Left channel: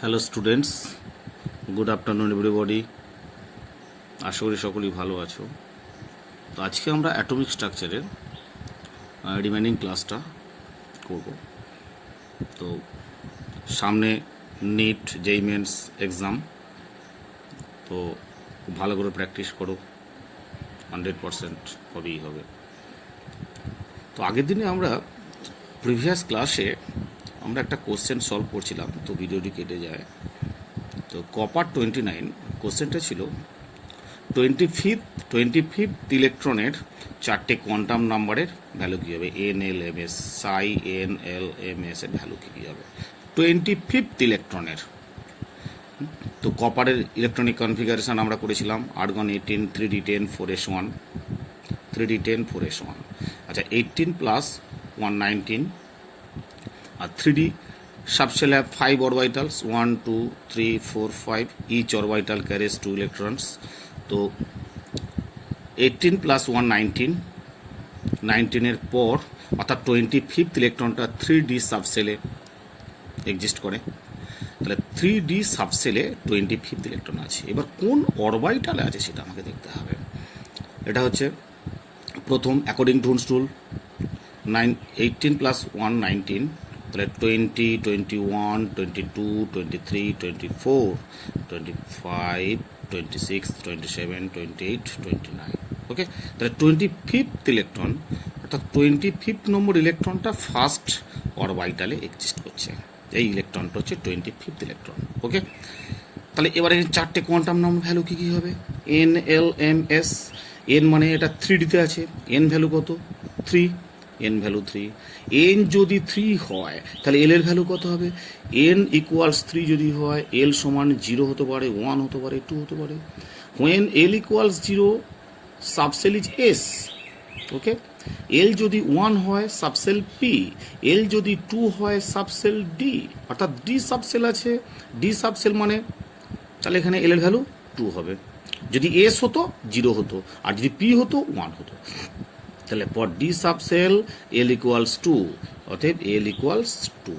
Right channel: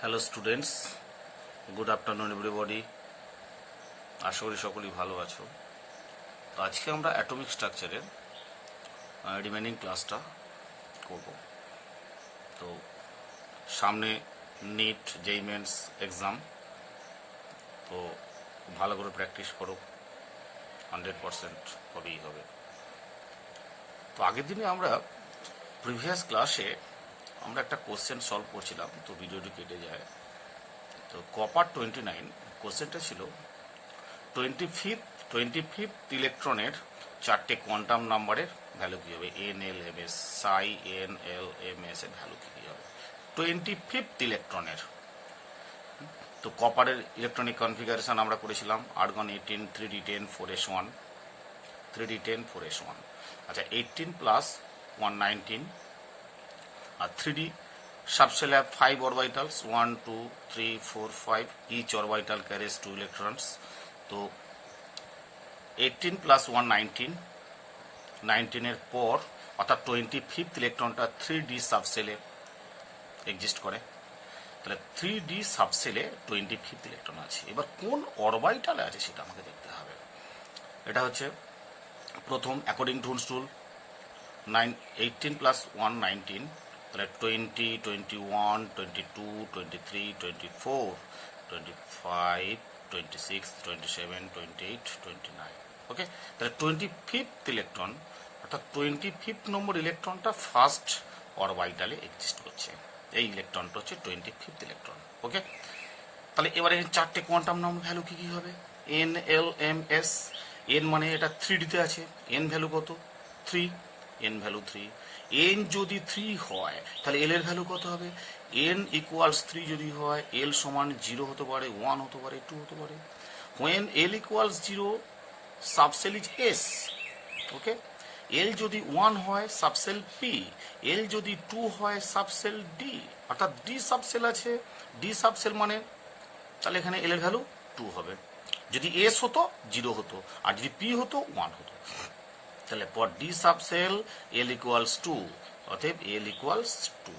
Hello students, good afternoon everybody. আশা করি সকলেই ভালো আছো। তো আজকে আমরা অ্যাটমিক স্ট্রাকচারের রিমেনিং ক্লাসটা করব। তো সামনে নিট জেই মেন্স এক্সাম, তো ভালো করে প্র্যাকটিস করো, 100% হবেই হবে। তো আগের দিনে আমরা প্রিভিয়াস ক্লাসে আমরা একটা কোশ্চেন সলভ করছিলাম, তো ভিডিওটি কেটে যায়। তো কপার 29 কোশ্চেনটা ছিল 25th ইলেকট্রনের চারটে কোয়ান্টাম নাম্বারের ভ্যালু কী হবে, এন এল এম এস, সাই এন এল এম এস এর ভ্যালু কী হবে 25th ইলেকট্রনের। তো কপারের ইলেকট্রনিক কনফিগারেশন আমরা করেছিলাম argon 18 3d10 4s1, 3d10 4s1। আচ্ছা, 18 প্লাস 119 আর 3d subshell have 5 orbitals, 1 2 3 4 5, each orbital carries 2 electrons। তো 18 প্লাস 119, 19 এর পর অর্থাৎ 25th ইলেকট্রনটা 3d সাবসেলে এক্সিস্ট করে। তাহলে 3d সাবসেলে 25th ইলেকট্রন আছে। এবার কোন অরবাইটালে আছে সেটা আমাকে দেখতে হবে। এটা হচ্ছে প্রথম অ্যাকর্ডিং টু হুন্স রুল 18 প্লাস 119, তাহলে 20 21 22 23 24 25 26 27 28 29। ওকে, তাহলে 25th ইলেকট্রন অর্থাৎ 25th নম্বর ইলেকট্রনটা ফার্স্ট অরবাইটালে এক্সিস্ট করছে। এই ইলেকট্রনটা হচ্ছে 25th ইলেকট্রন। ওকে, তাহলে এবারে চারটে কোয়ান্টাম নাম্বার ভ্যালু কী কী হবে, n l m s. N মানে এটা 3ডিতে আছে, এন ভ্যালু কত 3, এন ভ্যালু 3। এন যদি 3 হয় তাহলে এল এর ভ্যালু কত হবে, এন ইকুয়ালস 3 যদি হয় এল সমান 0 হতে পারে, 1 হতে পারে, 2 হতে পারে। When l equals 0 subshell is s. Okay, l যদি 1 হয় সাবসেল পি, এল যদি 2 হয় সাবসেল ডি, অর্থাৎ ডি সাবসেল আছে। ডি সাবসেল মানে তাহলে এখানে এল এর ভ্যালু 2 হবে। যদি এস হতো 0 হতো, আর যদি পি হতো 1 হতো। তাহলে for D subshell L equals 2, অতএব এল ইকুয়ালস 2।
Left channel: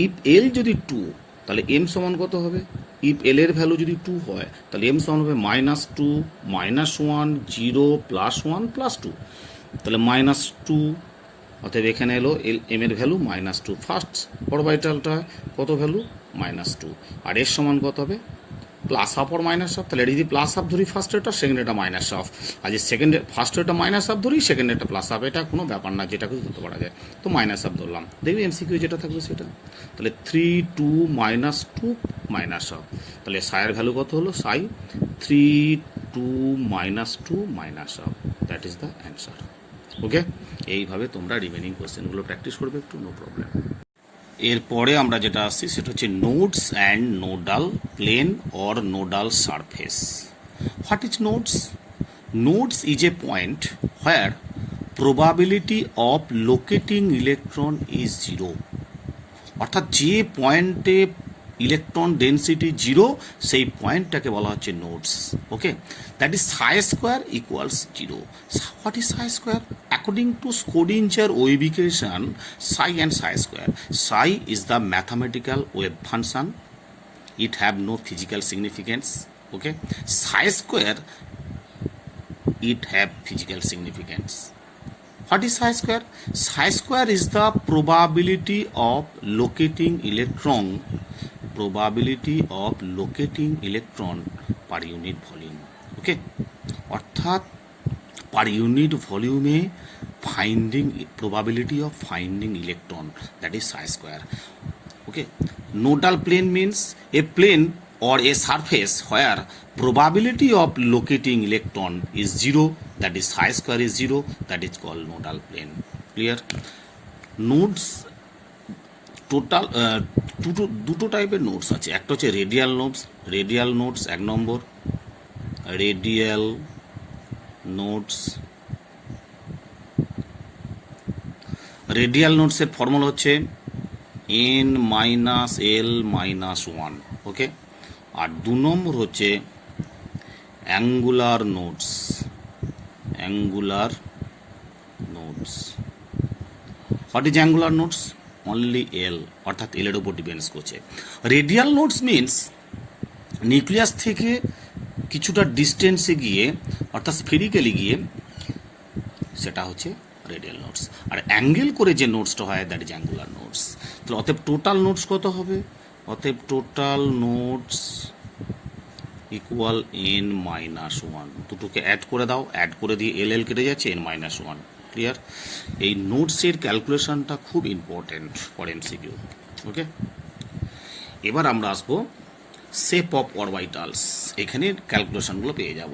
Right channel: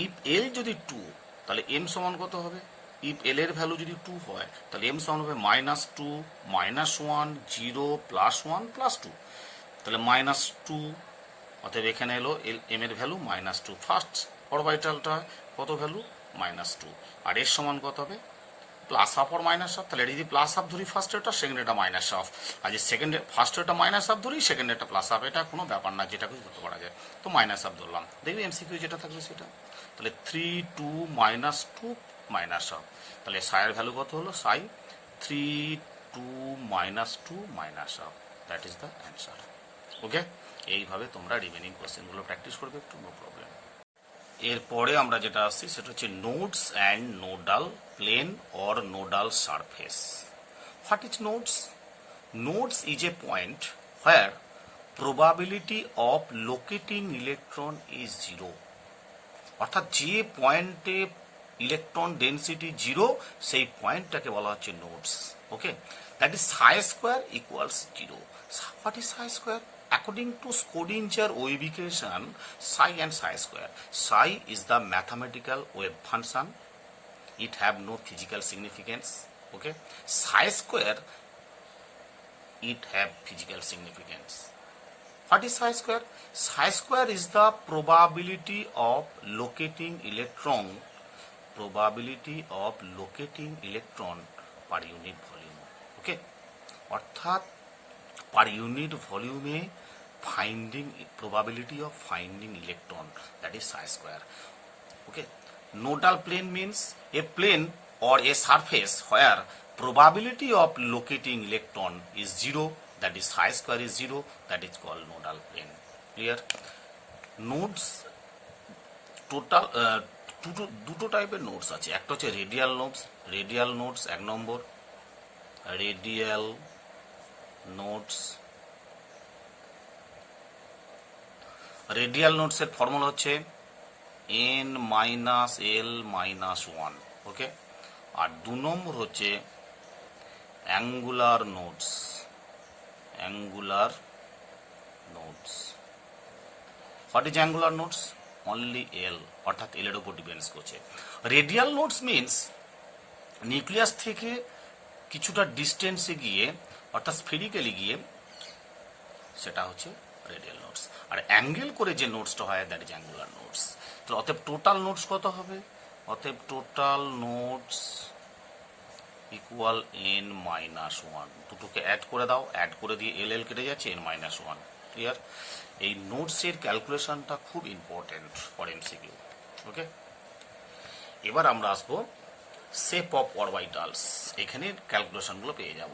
ইফ এল যদি 2 তাহলে এম সমান কত হবে, ইফ এল এর ভ্যালু যদি 2 হয় তাহলে এম সমান হবে -2 -1 0 +1 +2, তাহলে -2। অতএব এখানে এলো এম এর ভ্যালু -2। ফার্স্ট অরবাইটালটা কত ভ্যালু -2, আর এর সমান কত হবে প্লাস হাফ আর মাইনাস হাফ। তাহলে যদি প্লাস হাফ ধরি ফার্স্ট এটা, সেকেন্ড এটা মাইনাস হাফ, আর যে সেকেন্ড ফার্স্ট এটা মাইনাস হাফ ধরি, সেকেন্ড এটা প্লাস হাফ, এটা কোনো ব্যাপার না, যেটা কিছু ধরতে পারা যায়। তো মাইনাস হাফ ধরলাম, দেখবি এমসিকিউ যেটা থাকবে সেটা। তাহলে 3 2 -2 মাইনাস হাফ, তাহলে সাইয়ের ভ্যালু কত হলো, সাই 3 2 -2 minus half, that is the answer. Okay, এইভাবে তোমরা রিমেনিং কোয়েশ্চেনগুলো প্র্যাকটিস করবে একটু, নো প্রবলেম। এরপরে আমরা যেটা আসছি সেটা হচ্ছে nodes and nodal plane or nodal surface. What is nodes? Nodes is a point where probability of locating electron is 0, অর্থাৎ যে পয়েন্টে ইলেকট্রন ডেন্সিটি 0 সেই পয়েন্টটাকে বলা হচ্ছে nodes. Okay, that is Sai square equals 0। What is Sai square? According to স্কোডিঞ্জার ওয়েভিকেশন, Sai and Sai square, Sai is the mathematical wave function, it have no physical significance. Okay, psi square it have physical significance. What is psi square? Psi square is the probability of locating electron, probability of locating electron per unit volume. Okay, অর্থাৎ per unit volume finding probability of finding electron, that is psi square. Okay, nodal plane means a plane or a surface where probability of locating electron is 0, that is psi square is 0, that is called nodal plane. Clear? Nodes total দুটো টাইপের nodes আছে। একটা হচ্ছে radial nodes, radial nodes 1 নম্বর, radial nodes. Radial নোটসের formula হচ্ছে n -l -1। Okay, আর 2 নম্বর হচ্ছে angular nodes, angular nodes. What is angular nodes? Only l, অর্থাৎ এল এর উপর ডিপেন্ডস করছে। রেডিয়াল নোডস মিনস নিউক্লিয়াস থেকে কিছুটা ডিস্টেন্সে গিয়ে, অর্থাৎ স্ফেরিক্যালি গিয়ে, সেটা হচ্ছে রেডিয়াল নোডস। আর অ্যাঙ্গেল করে যে নোডসটা হয় দ্যাট ইজ অ্যাঙ্গুলার নোডস। তাহলে অতএব টোটাল নোডস কত হবে? অতএব total nodes equal n minus one. দুটোকে অ্যাড করে দাও, অ্যাড করে দিয়ে এল এল কেটে যাচ্ছে, n মাইনাস ওয়ান। ক্লিয়ার? এই নোটসের ক্যালকুলেশনটা খুব ইম্পর্টেন্ট ফর এমসিকিউ। ওকে, এবার আমরা আসবো শেপ অফ অরবিটালস। এখানে ক্যালকুলেশনগুলো পেয়ে যাব।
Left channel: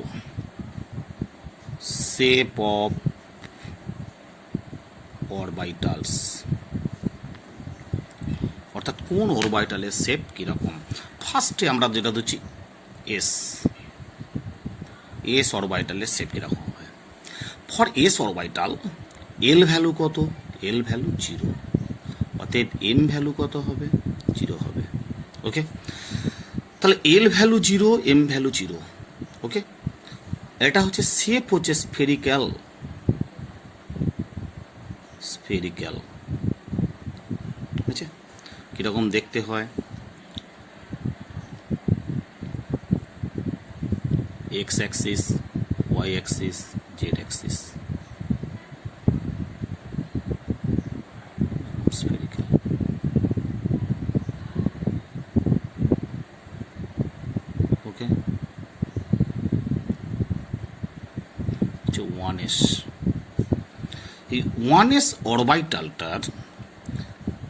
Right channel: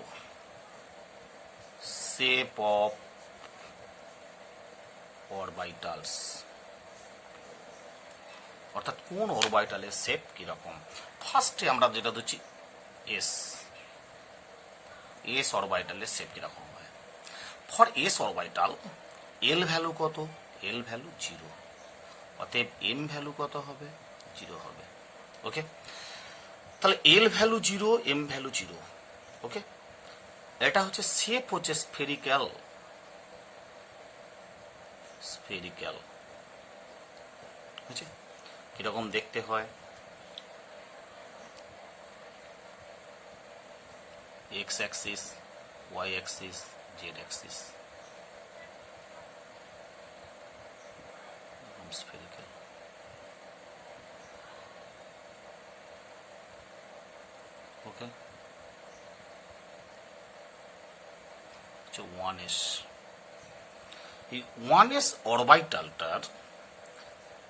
শেপ অফ অরবিটালস, অর্থাৎ কোন অরবিটালের শেপ কিরকম। ফার্স্টে আমরা যেটা দিচ্ছি এস, এস অরবিটালের শেপ কিরকম হয়। For S orbital L value কত? এল ভ্যালু 0, অতএব এম ভ্যালু কত হবে? 0 হবে। ওকে, তাহলে এল ভ্যালু 0, এম ভ্যালু 0। ওকে, এটা হচ্ছে শেপ হচ্ছে স্ফেরিক্যাল, স্ফেরিক্যাল। আচ্ছা, কিরকম দেখতে হয়? X axis, y axis, z axis, spherical. Okay, one s. এই ওয়ান এস অরবিটালটার,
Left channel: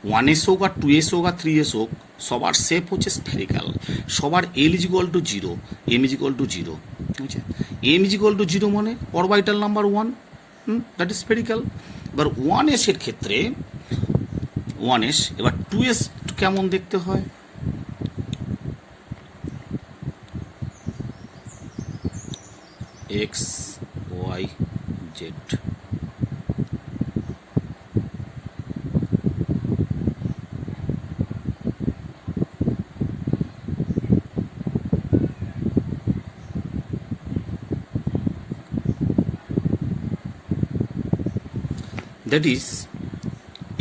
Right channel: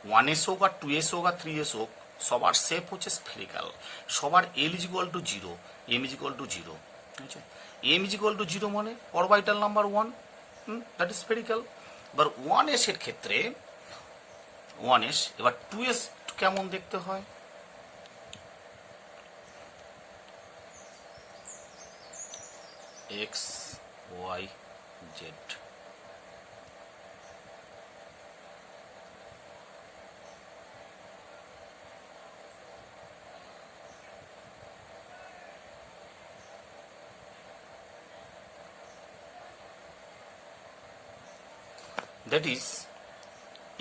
ওয়ান এস হোক আর টু এস হোক আর থ্রি এস হোক, সবার শেপ হচ্ছে স্ফেরিক্যাল। সবার l is equal to 0, m is equal to 0। আচ্ছা, এম ইজ ইকুয়াল টু 0 মানে orbital number 1, that is spherical. এবার ওয়ান এস এর ক্ষেত্রে ওয়ান এস, এবার টু এস কেমন দেখতে হয়? X, y, z. That is,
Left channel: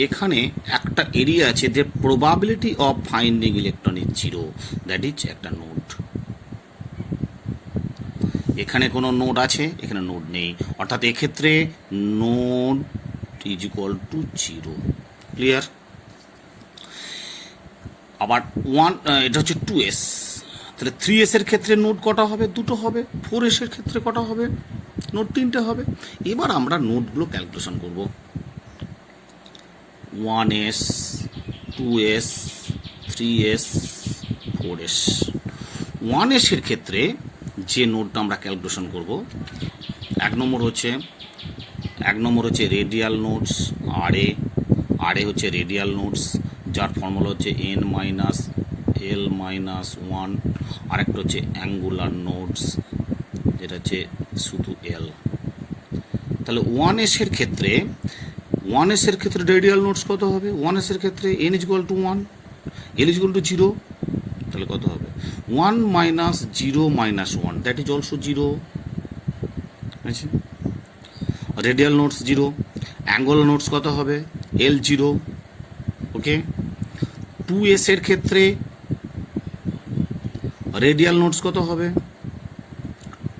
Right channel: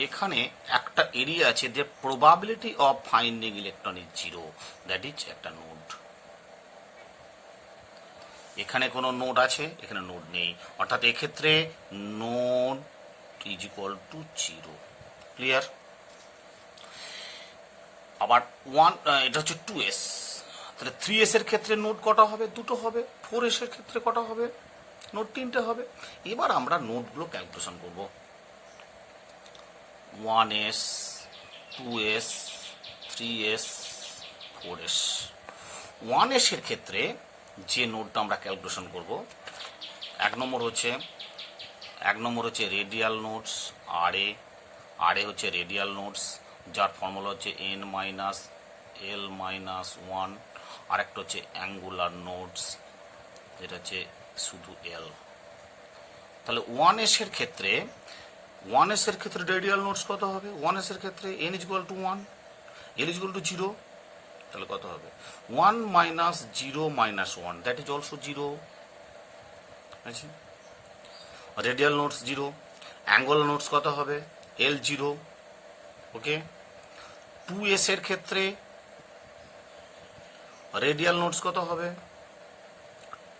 এখানে একটা এরিয়া আছে যে probability of finding electron is 0, that is একটা নোড। এখানে কোনো নোড আছে, এখানে নোড নেই, অর্থাৎ এক্ষেত্রে node is equal to 0। Clear? আবার এটা হচ্ছে 2s। তাহলে 3s এর ক্ষেত্রে নোড কটা হবে? 2টো হবে। 4s এর ক্ষেত্রে কটা হবে? নোড 3টে হবে। এবার আমরা নোডগুলো ক্যালকুলেশন করব। 1s, 2s, 3s, 4s। 1s এর ক্ষেত্রে যে নোডটা আমরা ক্যালকুলেশন করব, এক নম্বর হচ্ছে রেডিয়াল নোডস, আর এ হচ্ছে রেডিয়াল নোডস, যার ফর্মুলা হচ্ছে n মাইনাস এল মাইনাস 1। আরেকটা হচ্ছে অ্যাঙ্গুলার নোডস, যেটা হচ্ছে শুধু এল। তাহলে 1s এর ক্ষেত্রে রেডিয়াল নোডস কত হবে? 1s এর ক্ষেত্রে n is equal two 1, l is equal to 0। তাহলে কত হবে? 1 minus 0 minus 1, that is also 0। আচ্ছা, রেডিয়াল নোডস 0। অ্যাঙ্গুলার নোডস কত হবে? l 0। ওকে, 2s এর ক্ষেত্রে রেডিয়াল নোডস কত হবে?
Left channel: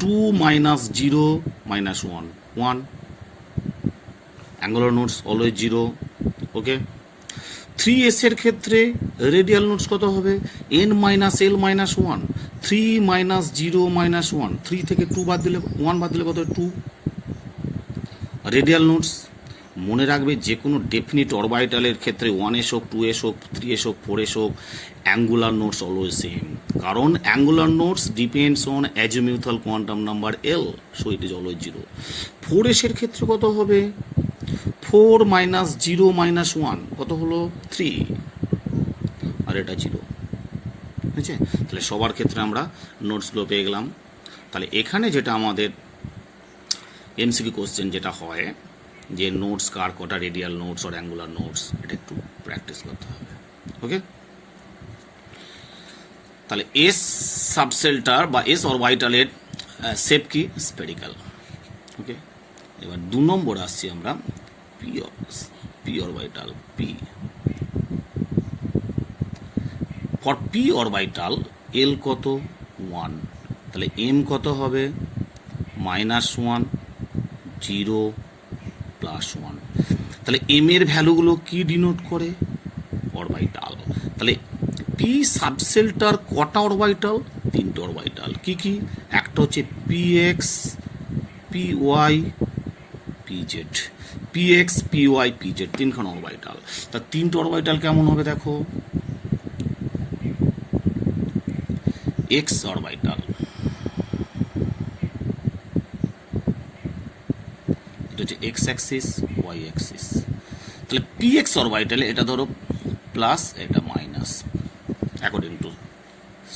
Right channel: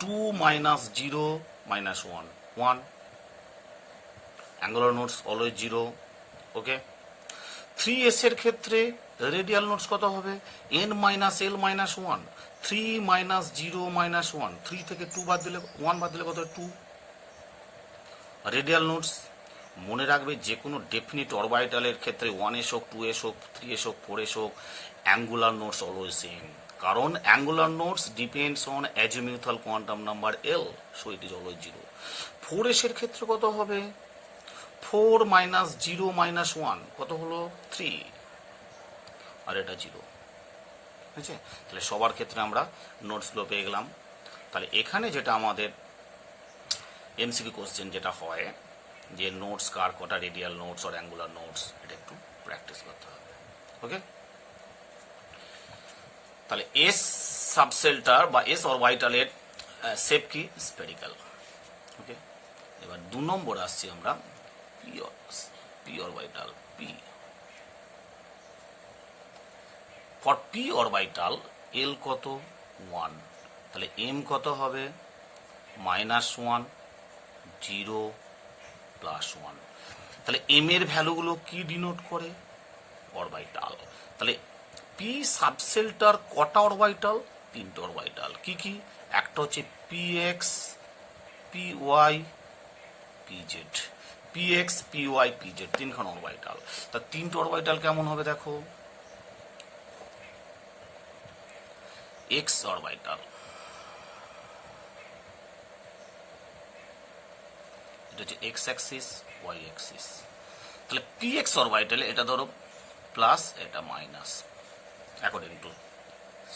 2 minus 0 minus 1, 1। Angular nodes always 0। ওকে, 3s এর ক্ষেত্রে রেডিয়াল নোডস কত হবে? n minus L minus 1, 3 minus 0 minus 1, 3 থেকে 2 বাদ দিলে 1 বাদ দিলে কত? 2। রেডিয়াল নোডস মনে রাখবে, যে কোনো ডেফিনিট অরবিটালের ক্ষেত্রে 1s হোক, 2s হোক, 3s হোক, 4s হোক, অ্যাঙ্গুলার নোডস অলওয়েজ সেম, কারণ angular nodes depends on azimuthal quantum number l, so it is always 0। 4s এর ক্ষেত্রে কত হবে? 4 মাইনাস 0 মাইনাস 1 কত হলো? 3, আর এটা 0। ঠিক আছে, তাহলে সবার ক্ষেত্রে আমরা নোটসগুলো পেয়ে গেলাম। তাহলে এখানে যেটা আমাদের এমসিকিউ কোশ্চেন যেটা হয়, যে নোটস কার কটা রেডিয়াল নোটস আর অ্যাঙ্গুলার নোটস, এটা একটু প্র্যাকটিস করতে হবে। ওকে, তাহলে এস সাবসেলটার বা এস অরবিটালের শেপ কি? স্ফেরিক্যাল। ওকে, এবার 2 নম্বর আসছি আমরা p orbital, p. For p orbital l কত 1, তাহলে এম কত হবে -1, 0, +1। তাহলে এম এর ভ্যালুগুলো কি ডিনোট করে অরবিটাল। তাহলে পি সাবসেলটার কটা অরবিটাল 3টে অরবিটাল। কি কি? একটা হচ্ছে p x, p y, p z. P x, p y, p z 3খান অরবিটাল। তা 3টে অরবিটাল কেমন হবে দেখো, এক্স অরবিটাল, এটা হচ্ছে এক্স অ্যাক্সিস, ওয়াই অ্যাক্সিস। তাহলে পি এক্স অরবিটালে এটা ধরো প্লাস, এটা মাইনাস, অ্যাকর্ডিং টু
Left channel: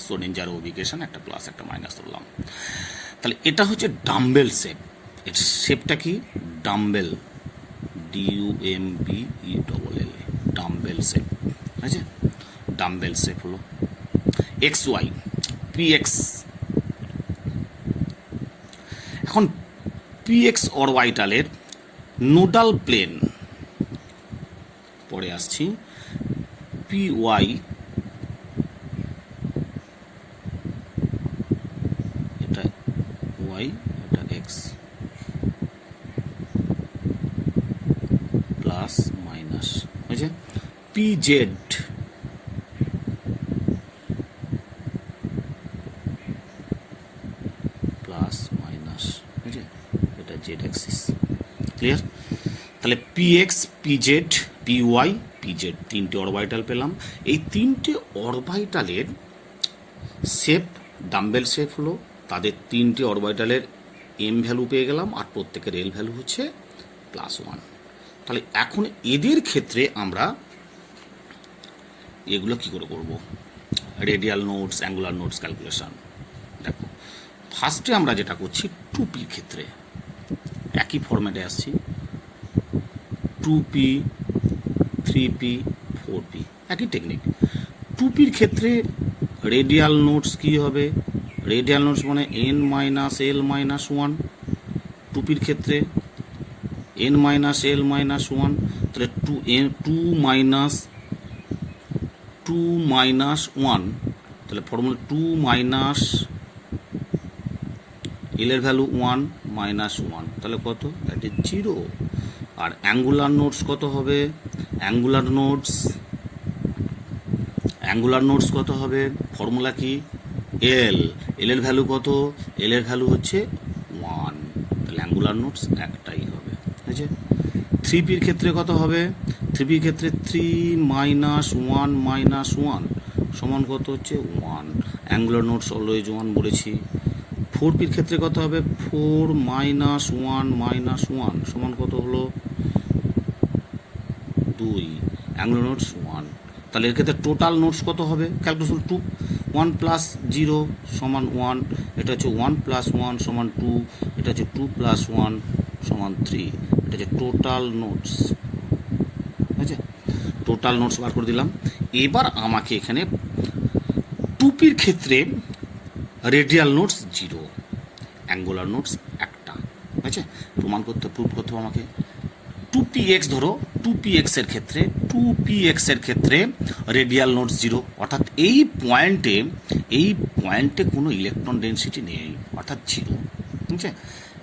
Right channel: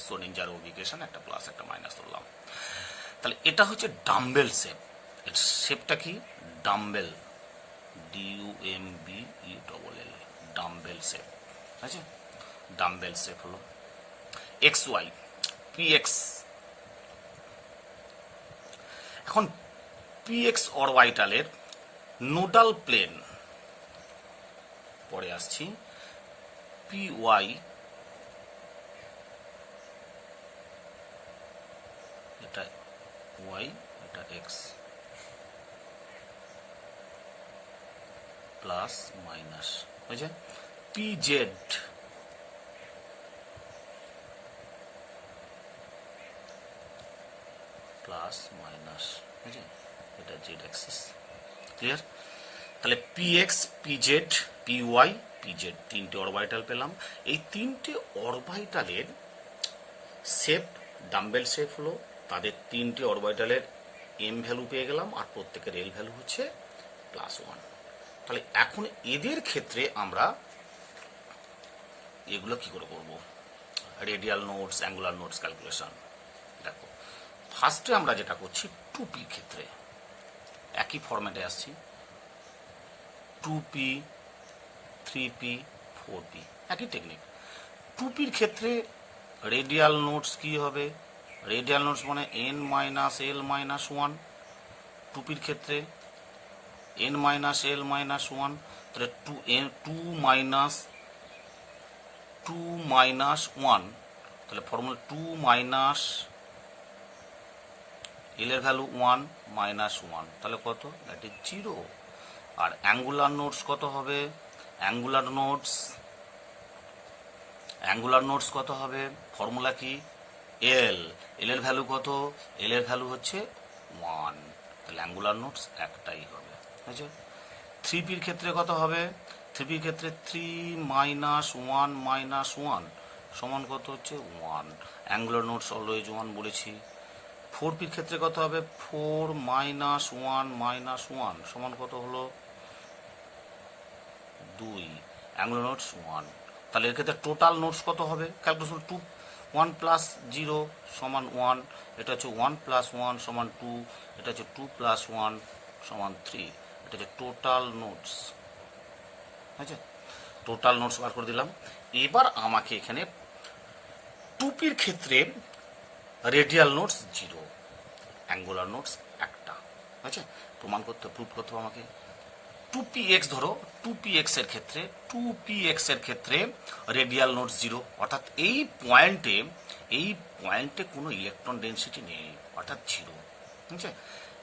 সোডিঞ্জার উবিকেশন একটা প্লাস একটা মাইনাস ধরলাম। তাহলে এটা হচ্ছে ডাম্বেল শেপ। এর শেপটা কি ডাম্বেল, DUMBELL, ডাম্বেল শেপ আছে, ডাম্বেল শেপ হলো। এক্স ওয়াই পি এক্স, এখন পি এক্স অরবিটালের নোডাল প্লেন, পরে আসছি, পি ওয়াই এটা ওয়াই, এটা এক্স, প্লাস মাইনাস হয়েছে। পি জেড প্লাস মাইনাস হয়েছে, এটা জেড অ্যাক্সিস। ক্লিয়ার? তাহলে p x, p z, p y, p z 3টে অরবিটাল পেলাম। এই 3টে অরবিটালের শেপ ডাম্বেল শেপ হলো। তাদের 3টে অরবিটালের এম ভ্যালু পেয়ে গেলাম, আর প্রত্যেকের এল ভ্যালু হচ্ছে +1। তাহলে এখন এদের ক্ষেত্রে আমরা এগুলো কি করে করব, radial notes, angular notes calculation. দেখো ফার্স্টে আমরা যেটা করছি 2P ক্ষেত্রে একই ফরম্যাটে আসছি, 2P, 3P, 4P একই টেকনিক। 2Pর ক্ষেত্রে রেডিয়াল নোটস কি হবে, রেডিয়াল নোটস মানে n-l-1। 2Pর ক্ষেত্রে n-l-1, তাহলে 2-1, তাহলে ফর্মুলা 2 এল এর ভ্যালু 1 -1, তাহলে কত, দ্যাট ইজ 0। আর অ্যাঙ্গুলার নোটস কত হবে, অ্যাঙ্গুলার নোটস কত হবে, ফর্মুলা কি এল, এল এর ভ্যালু কত, এল এর ভ্যালু হচ্ছে 1, তাহলে অ্যাঙ্গুলার নোটস একটাই হবে। ঠিক আছে। 3Pর ক্ষেত্রে কত হবে, 3Pর ক্ষেত্রে 3-1 সমান কত হচ্ছে 1, অ্যাঙ্গুলার নোটস অলওয়েজ 1 বলেছি। 4Pর ক্ষেত্রে কত হবে, 4-1 সমান কত হলো 2, অ্যাঙ্গুলার নোটস 1। তাহলে এর ক্ষেত্রে টোটাল নোটস কত হবে, ক্যালকুলেশন 2, 1 + 0 সমান 1, এটা হচ্ছে 1 + 1 সমান 2, এটা হচ্ছে 2 + 1 সমান 3, এটা হচ্ছে টোটাল নোটস। আচ্ছা, টোটাল নোটস বার করে দিলাম। এবার আমাকে এখানে 2Pর ক্ষেত্রে রেডিয়াল নোটস 0, অ্যাঙ্গুলার নোটস একটা, আচ্ছা প্রুফ করতে হবে আমাকে। 2px ধরো, 2px এর ক্ষেত্রে রেডিয়াল নোটস 0, অর্থাৎ এই পয়েন্টে কোনো ইলেকট্রন ডেনসিটি নেই, অর্থাৎ 0। ঠিক আছে,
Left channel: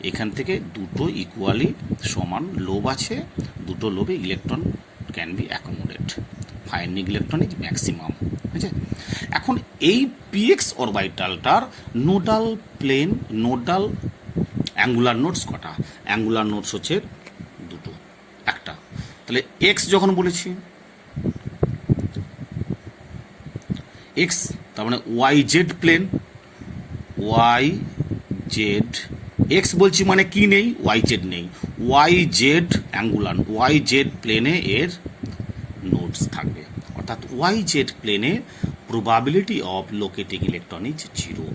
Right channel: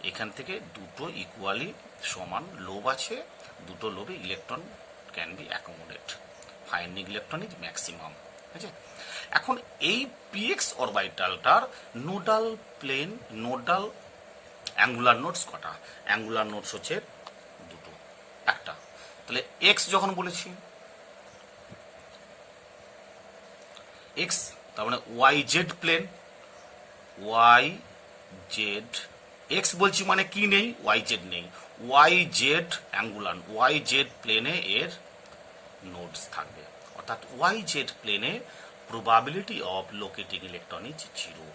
এখান থেকে দুটো ইকুয়ালি সমান লোব আছে, দুটো লোবে electron can be accommodate, finite electronic maximum. ঠিক আছে, এখন এই পিএক্স অরবিটালটার নোডাল অ্যাঙ্গুলার নোটস কটা, অ্যাঙ্গুলার নোটস হচ্ছে দুটো, একটা। তাহলে এক্স যখন বলেছি এক্স, তার মানে y z plane, y z, x বলছি মানে কি নেই, ওয়াই জেড নেই, y z angular, y z প্লেনে এর নোটস থাকবে, অর্থাৎ ওয়াই জেড প্লেনে probability of locating electron is 0।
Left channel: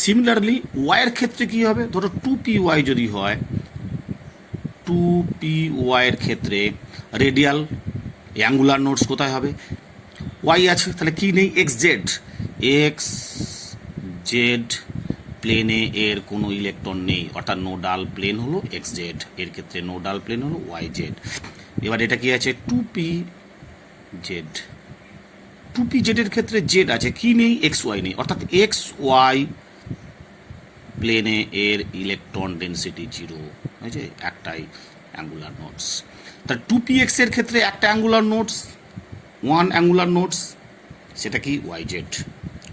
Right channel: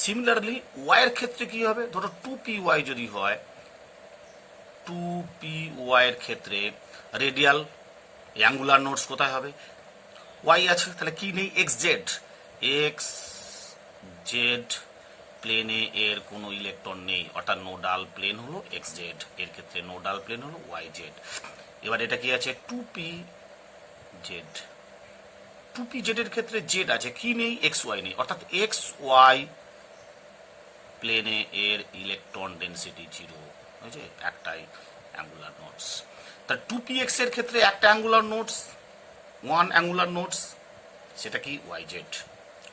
Similarly y এর ক্ষেত্রে কি হবে, ধরো 2py যদি হয়, 2py এর ক্ষেত্রে রেডিয়াল অ্যাঙ্গুলার নোটস কোথায় হবে, ওয়াই আছে, তাহলে কি নেই, এক্স জেড প্লেনে এর কোনো ইলেকট্রন নেই, অর্থাৎ নোডাল প্লেন হলো এক্স জেড, এর ক্ষেত্রে নোডাল প্লেন হলো ওয়াই জেড। এবার এটা কি আছে, 2p Z, two p Z এর ক্ষেত্রে জেড আছে, কি নেই? এক্স ওয়াই নেই, অর্থাৎ এক্স ওয়াই প্লেনে এর ইলেকট্রন ডেন্সিটি জিরো হয়েছে, একটাই অ্যাঙ্গুলার নোটস। তা টু পি এক্স এর ক্ষেত্রে একটা angular notes, one angular notes, সেটা কি? Y Z.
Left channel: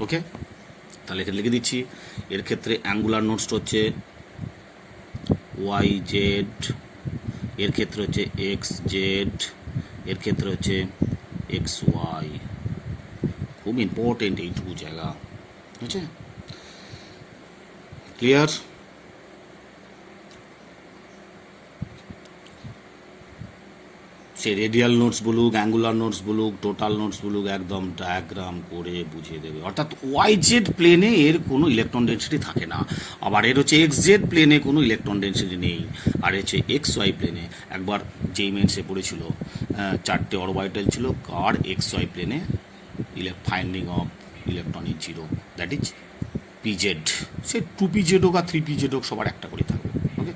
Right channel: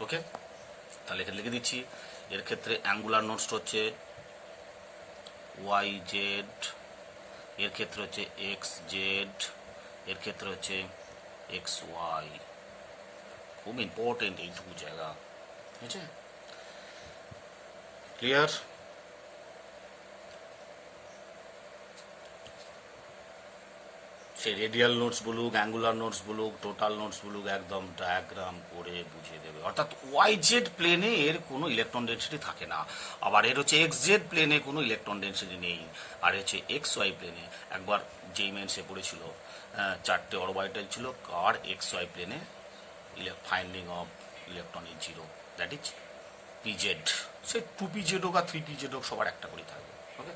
ওকে, তাহলে এখানে লিখে দিচ্ছি, এর ক্ষেত্রে অ্যাঙ্গুলার নোটসটা হচ্ছে ওয়াই জেড, এর ক্ষেত্রে হচ্ছে এক্স জেড, এর ক্ষেত্রে হচ্ছে এক্স ওয়াই। খুব ইম্পর্টেন্ট এইটুকু জায়গা, ঠিক আছে? ক্লিয়ার? সে রেডিয়াল নোটস বলুক, অ্যাঙ্গুলার নোটস বলুক, টোটাল নোটস বলুক, একদম ডায়াগ্রাম করে বুঝিয়ে দেবে। অর্থাৎ ওয়াই জেড প্লেনে এর কোনো ইলেকট্রন ডেন্সিটি থাকে না, আবার এর হচ্ছে এক্স জেড প্লেনে কোনো ইলেকট্রন ডেন্সিটি নেই, আর হচ্ছে এক্স ওয়াই প্লেনে একবার যেই মেন্সে পড়েছিল, চারটে অরবিটাল ছিল, কার এক্স ওয়াই প্লেনে finding of electron is zero, that is p z. সে টু পি জেড হোক আর থ্রি পি জেড হোক, সবার একটা করে থাকবে। Okay,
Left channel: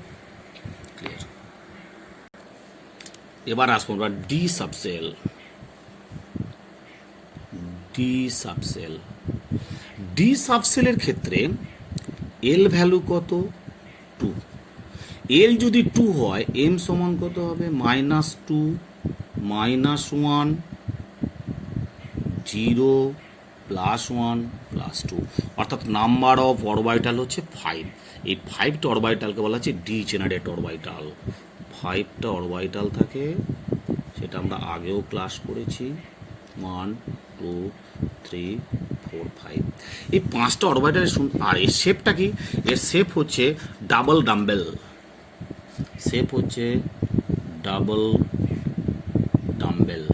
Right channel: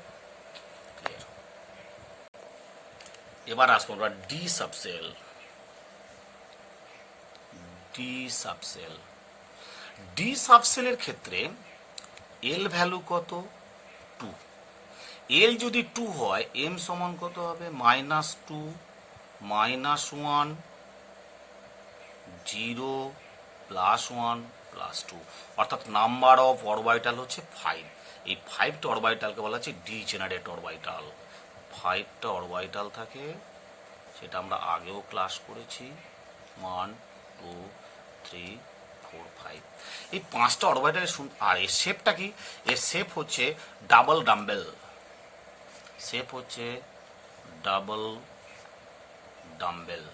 clear? এবার আসবো আমরা d subshell. D subshell, d সাবসেলের ক্ষেত্রে এল ভ্যালু কত? 2। এল যদি 2 হয়, এম সমান কত হবে? -2, -1, 0, +1, +2, অর্থাৎ নাম্বার অফ অরবিটাল হচ্ছে 5। এই 5টা অরবিটালকে বলা হচ্ছে ডিজেনারেট অরবিটাল। 5টা অরবিটাল থাকে, সেটা আমরা আগেও ক্লাস করেছি, 1, 2, 3, 4, 5। এই 5টা অরবিটাল, আর এর শেপটা কি? এর শেপ হচ্ছে ডাবল ডাম্বেল, শেপ হচ্ছে ডাবল ডাম্বেল।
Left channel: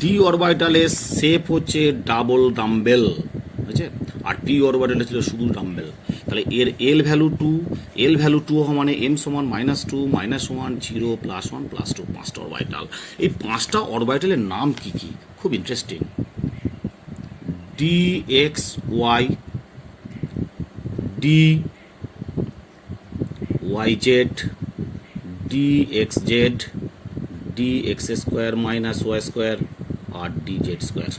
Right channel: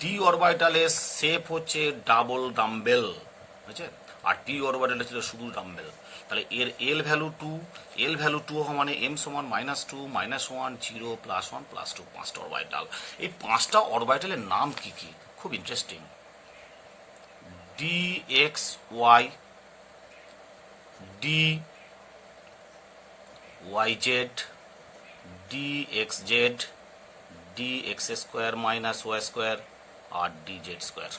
ডি অরবিটালের শেপ হচ্ছে ডাবল ডাম্বেল, বুঝছে? আর টি অরবিটালে ছিল শুধু ডাম্বেল। তাহলে এর এল ভ্যালু 2, এল ভ্যালু 2 হওয়া মানে এম সমান -2, -1, 0, +1, +2, 5টা অরবিটাল। এই 5টা অরবিটালের নাম কি কি? খুব interesting. D x y, d y z, d x z, d x square minus y square, আর ডি জেড স্কোয়ার।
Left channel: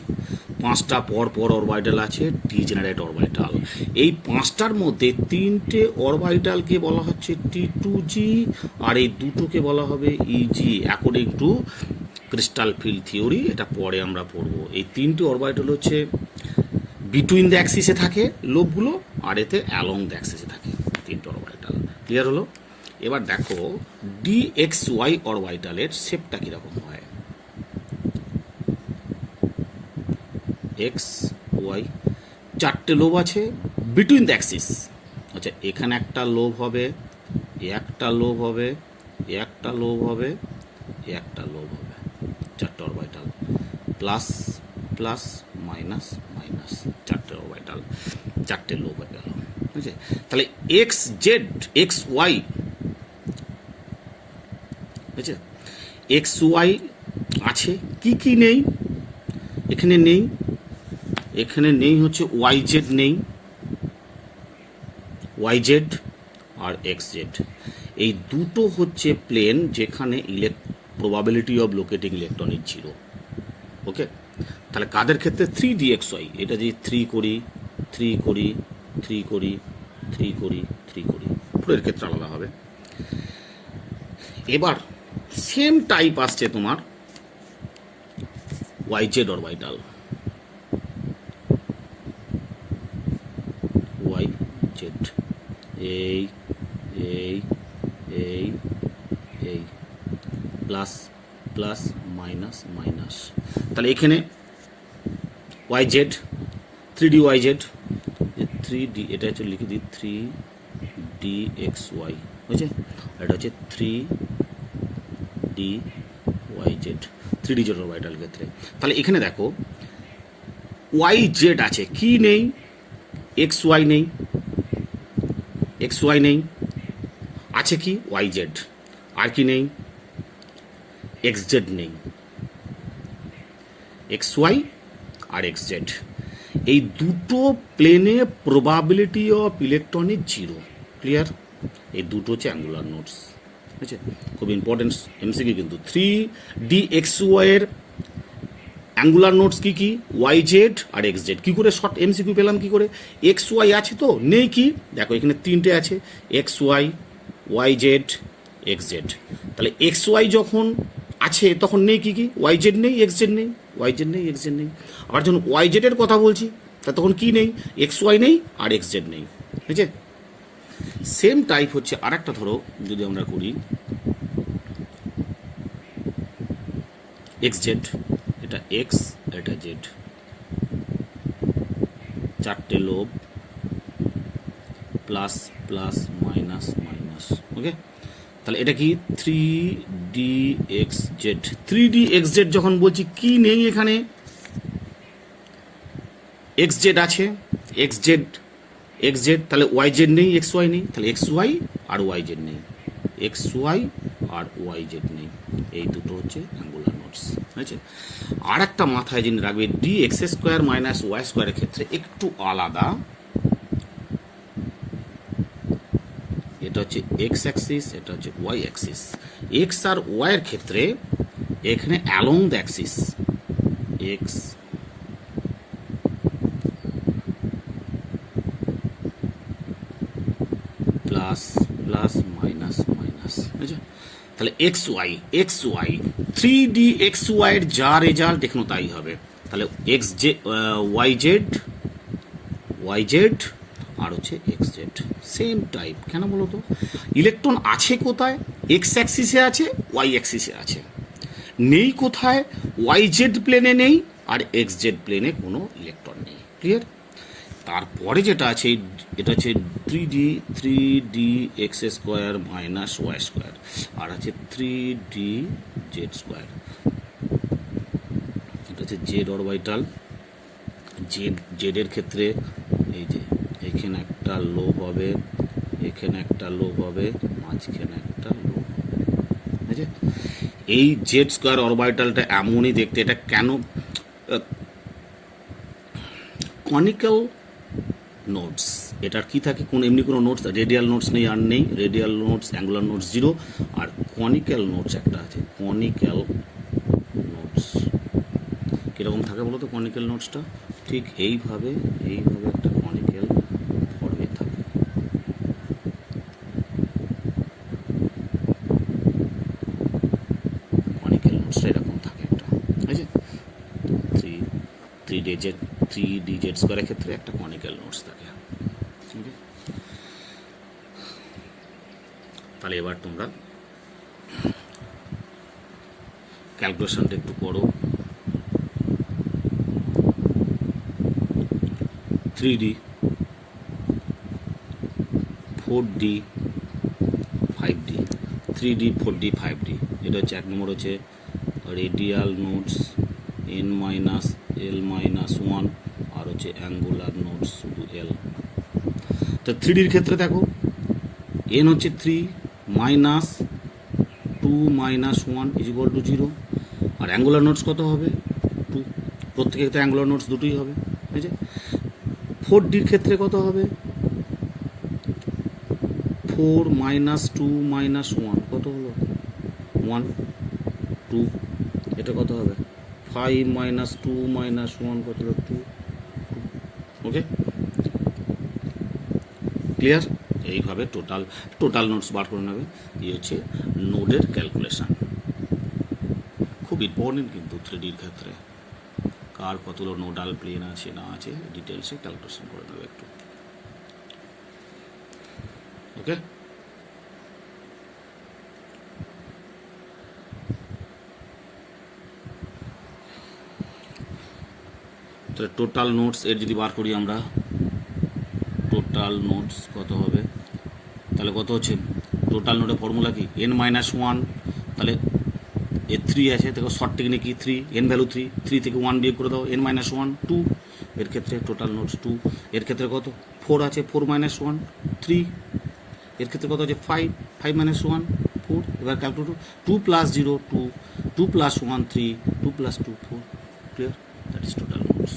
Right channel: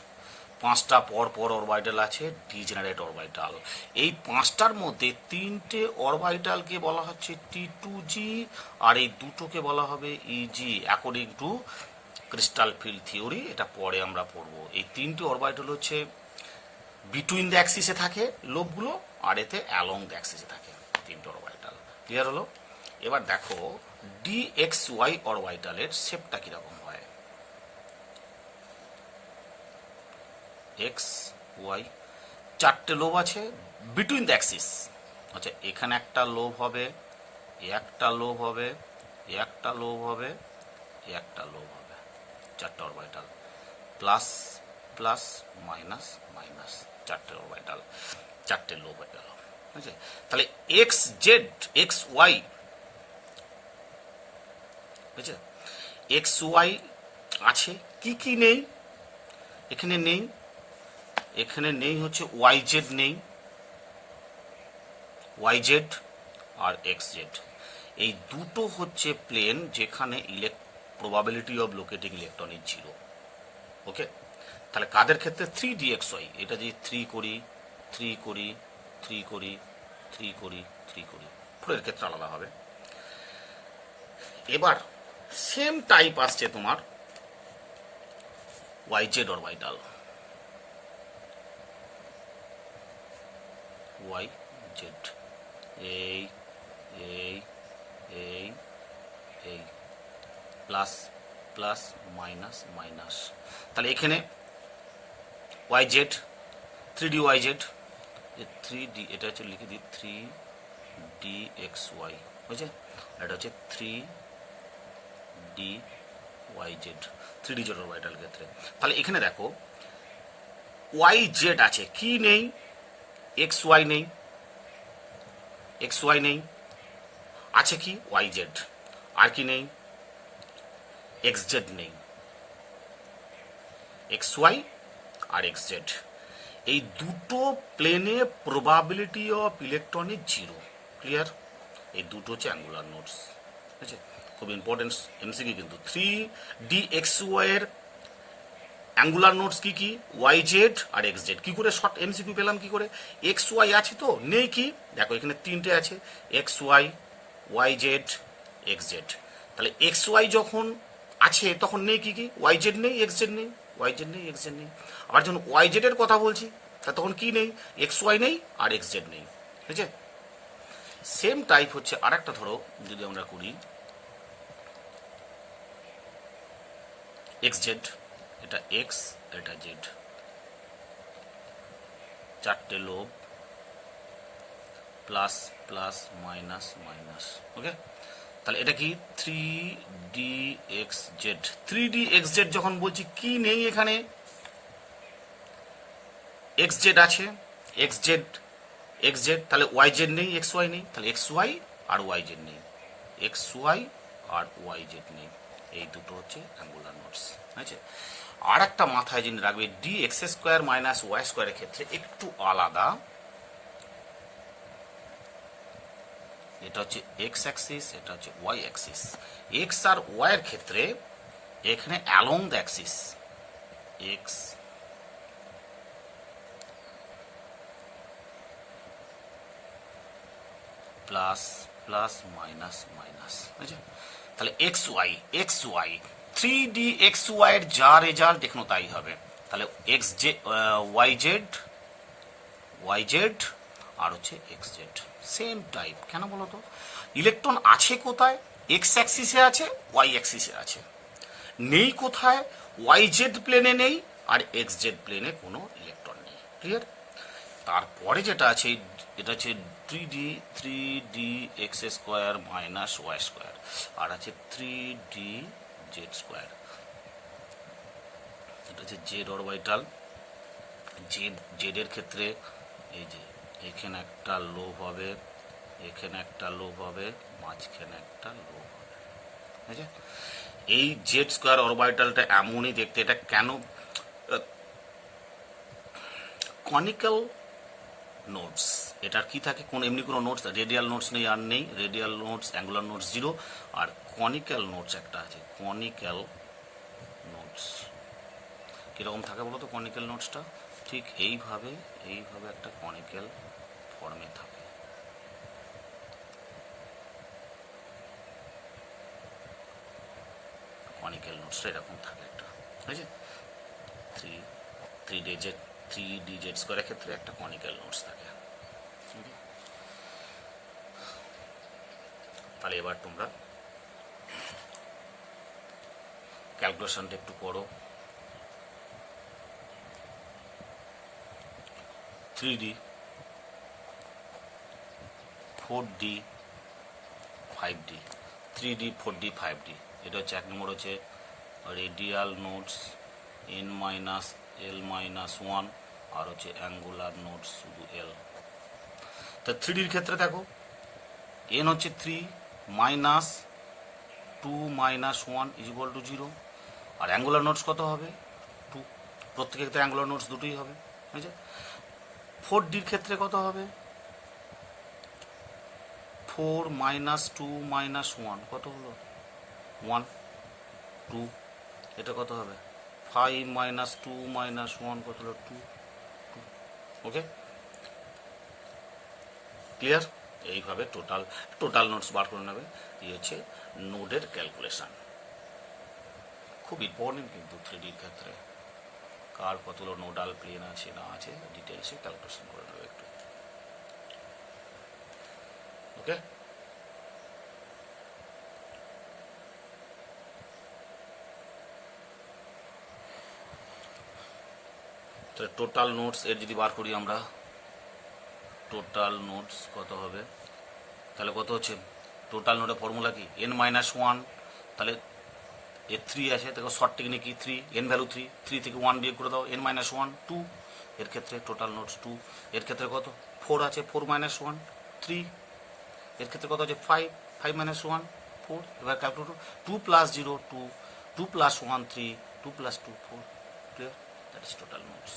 5টা পর পর অরবিটাল আছে, ডিজেনারেট অরবিটাল। এই 5টার মধ্যে 3টে অরবিটালকে বলা হচ্ছে T2G, আর এই দুটোকে বলা হবে EG, according to crystal field theory. এটা পরে আমরা পড়বো। এই 3টে অরবিটাল হচ্ছে বিটুইন দ্য অ্যাক্সিসে থাকে লোবগুলো, আর এতে অ্যালং দ্য অ্যাক্সিসে থাকে 3টে অরবিটাল। ক্লিয়ার হলো? এবার দেখো DXY অরবিটালের শেপটা কিরকম হয়। এক্স ওয়াই, 4টে লোব আছে বিটুইন দ্য অ্যাক্সিস। আচ্ছা, এখানে একটা লোব হবে, একটা লোব হবে, একটা লোব হবে, একটা লোব হবে, 4টে orbital, plus plus minus minus, 4টে অরবিটাল, 4টে লোব হয়ে গেল। ঠিক আছে? তাহলে এক্স জেড, এক্স ওয়াই, বুঝছে? এক্স ওয়াই আছে, কি কি নেই? এখানে নেই, এখানে নেই হচ্ছে ওয়াই জেড নেই, ওয়াই জেড আর এক্স জেড। এই দুটো হচ্ছে প্লেন যেখানে probability of locating electron is 0। Okay, তাহলে কাদের ক্ষেত্রে? 3DXY। এটা যদি 3 করি, 3 করি, 3 করি, 3 করি, 3 করি, পুরোর ক্ষেত্রে আলাদা হবে। এবার সেম টাইপ আসছে তোমার y z orbital, y z, এই এই এই এই, প্লাস প্লাস মাইনাস মাইনাস। তাহলে এখানে Y Z, 3D Y Z, 3D, এটা হচ্ছে লিখে দিই 3DXY, বুঝছে? এটা হচ্ছে 3DYZ, 3D জেড অরবিটাল ক্ষেত্রে। তাহলে এখানে দেখো ওয়াই জেড আছে, কি নেই? এক্স ওয়াই নেই, এক্স ওয়াই নেই, আছে কি? Y Z. আর কি নেই? এক্স জেড নেই, এক্স ওয়াই আর এক্স জেড। এই দুটো প্লেনে probability of electron is 0। Clear? এই দুটো হচ্ছে অ্যাঙ্গুলার নোটস। ঠিক আছে, খুব ইম্পর্টেন্ট এমসিকিউ কিন্তু। 3DXY এর অ্যাঙ্গুলার নোটস কি কি? YZ আর XZ। কি করে শর্ট এমসিকিউ পেলাম কি করে? XY আছে তো নেই, কি দেখো এখানে তিনটে আছে, XY, YZ, XZ। তাহলে XY যখন আছে তখন নেই কি কি? YZ নেই, XZ নেই, YZ নেই, XZ নেই। আবার যখন YZ এর কথা বলছি তা তখন কি নেই? XY নেই আর XZ নেই। ঠিক আছে, সেম টাইপ হচ্ছে আর একটা, ধরো যদি আমরা করি XZ, এটা X, এটা Z, চারটে lobe, plus plus minus minus. Okay, তাহলে এটা কি? 3DXZ। 3DXZ যখন বলছি কি নেই এখানে? XZ আছে, XZ, তাহলে YZ নেই, XY নেই, তাহলে XY আর YZ নেই, XY আর YZ নেই। এই দুটো হচ্ছে অ্যাঙ্গুলার নোটস। ঠিক আছে, আর একটা মাথায় জেনে রাখবে, DX² মাইনাস Y² এর ক্ষেত্রে একটু আলাদা। এটা হচ্ছে X অ্যাক্সিস, এটা হচ্ছে Y অ্যাক্সিস। X আর Y এর ক্ষেত্রে এখানে along the Axis X plus plus minus minus. বুঝছো? তাহলে XY 3DXY এর যা রেজাল্ট এখনো তাই হবে। তাহলে YZ আর হচ্ছে XZ সেম টাইপ। কেন বলো তো? ইলেকট্রন আছে কোথায়? X অ্যাক্সিসে আছে, Y অ্যাক্সিসে আছে। নেই কোথায়? YZ প্লেনে নেই আর XZ প্লেনে কোনো ইলেকট্রন নেই। ক্লিয়ার? তারপরে যেটা আছে এটা হচ্ছে 3DX² মাইনাস Y² আর আছে 3DZ²। এটা হচ্ছে Z অরবিটাল। জেড এর ক্ষেত্রে এই যে এখানে একটা লোব হবে, এখানে একটা লোব হবে, মাঝখানে একটা লোব হবে। ঠিক আছে, এই Z² অরবিটালটা এমনই দেখতে। এটা কেন কনিক্যাল নোটস? এটার কি থাকে? কোন এমনি কোনো নোটস, রেডিয়াল নোটস নেই আর নেই। রেডিয়াল নোটস, অ্যাঙ্গুলার নোটস 0, আর কনিক্যাল নোটস একটা আছে। কনিক্যাল নোটস কিরকম থাকে বলো তো? কনিক্যাল নোটসটা ঠিক এইভাবে একটা কনিক্যাল ফর্মে থাকে। কনিক্যাল নোটসটা এরকম থাকে একটা। ঠিক আছে, 3DZ² এর ক্ষেত্রে একটা কনিক্যাল নোটস থাকে। তাহলে এবার তোমরা ক্যালকুলেশনটা একটু করো। 3D, 4D, 5D। 3D, 4D, 5D। এটা হচ্ছে এক নম্বর হচ্ছে রেডিয়াল নোটস N-L-1 আর হচ্ছে অ্যাঙ্গুলার নোটস শুধু L। তো 3Dর ক্ষেত্রে দেখো N হচ্ছে 3 মাইনাস 2 মাইনাস 1 = 0। আর অ্যাঙ্গুলার নোটস কত হবে? 2। প্রত্যেকের ক্ষেত্রে অ্যাঙ্গুলার নোটস দুটোই হবে। ঠিক আছে, 4Dর ক্ষেত্রে কত হবে? 4 মাইনাস 2 মাইনাস 1 কত হলো? 1 2। এটা কত হবে? 5 মাইনাস 2 মাইনাস 1 কত হলো? 2 2। ওকে, ক্লিয়ার? এইভাবে টোটাল নোটস বার করে নেবে। এই হচ্ছে নোডের ক্যালকুলেশন। খুব ইম্পর্টেন্ট কিন্তু 3Dর ক্ষেত্রে কার কতগুলো নোডাল প্লেন আছে না আছে ডিটেলসে ক্যালকুলেশন করে নেবে একটু। ওকে, তো টোটাল নোটস এর যদি বার করি আমরা, টোটাল নোটস কত হবে? তাহলে কত হচ্ছে? টোটাল নোটের ফর্মুলা কি? N-1। তাহলে এর 3 আছে, দেখো শর্ট টেকনিক কি? 3 N ভ্যালু 3 থেকে 1 বিয়োগ করে দাও, N-1 2। এর ক্ষেত্রে টোটাল নোটস 2। এর ক্ষেত্রে কত? 4 আছে, 4 - 1 3। এর ক্ষেত্রে কত আছে? 5 - 1 4। এবার calculate 2 + 0 2, 2 + 1 3, 2 + 2 4। Clear? That is total nodes.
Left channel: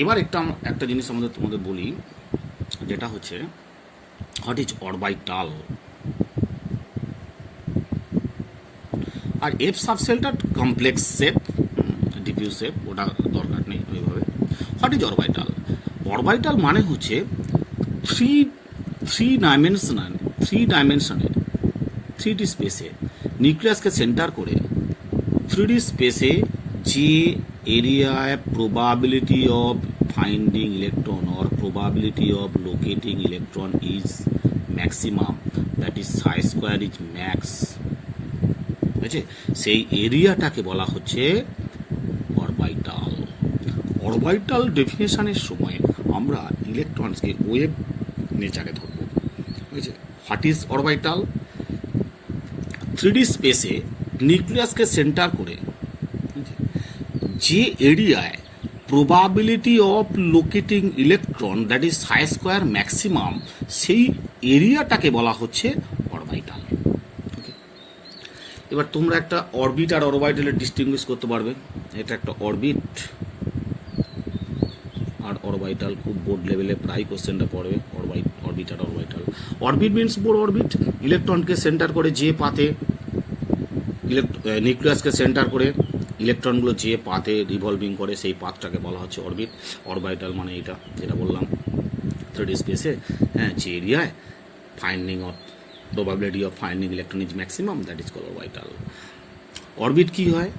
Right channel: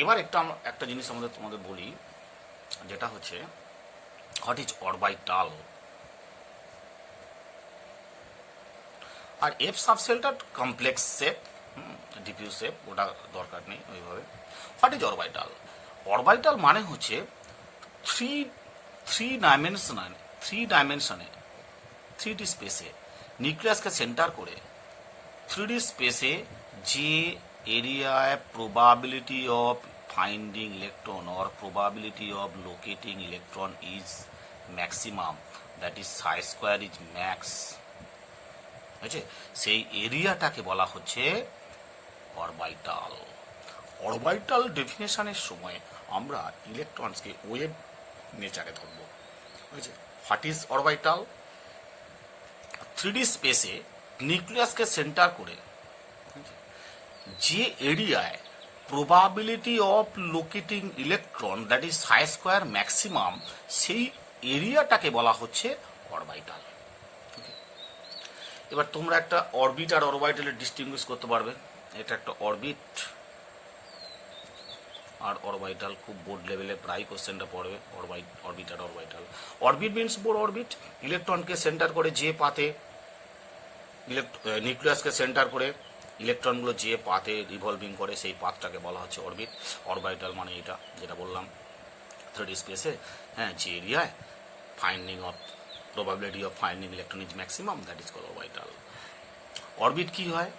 এবার একটা জিনিস তোমাদের বলি, যেটা হচ্ছে হোয়াট ইজ অরবিটাল। আর এফ সাবশেলটা কমপ্লেক্স শেপ, ডিফিউজ শেপ, ওটা দরকার নেই ওইভাবে। What is orbital? অরবিটাল মানে হচ্ছে থ্রি ডাইমেনশনে 3D স্পেসে নিউক্লিয়াসকে সেন্টার করে 3D স্পেসে যে এরিয়ায় probability of finding electron or probability of locating electron is maximum, that is Sai square is max, ঠিক আছে, সেই এরিয়াটাকে বলা হচ্ছে অরবিটাল। অরবিটাল ডেফিনেশনের সময় আমরা ইলেকট্রনসকে ওয়েভ নেচারে ধরবো, ঠিক আছে। What is orbital? 3D স্পেসে নিউক্লিয়াসকে সেন্টার করে যে এরিয়ায় probability of locating electron that is Sai square maximum, সেই এরিয়াটাকে বলা হচ্ছে অরবিটাল। এবার তোমরা একটা অরবিট আর অরবিটালের ডিস্টিংগুইশ করতে পারবে। এটা একটা অরবিট আর অরবিটাল, খুব বোর্ড লেভেলে প্রায় কোশ্চেনটা পড়বে, অরবিট আর orbital. Orbit means Bohr orbit, ইলেকট্রনকে সেন্টার করে যে পাতে, নিউক্লিয়াসকে সেন্টার করে ইলেকট্রনগুলো যে পাতে রিভলভিং করে সেই পাথটাকে বলা হচ্ছে অরবিট। অরবিটাল মানে এটা যেটা বললাম 3D স্পেসে, হ্যাঁ, যে এরিয়ায় finding of probability of finding electron is maximum, that is called orbital. Orbit কি হয়?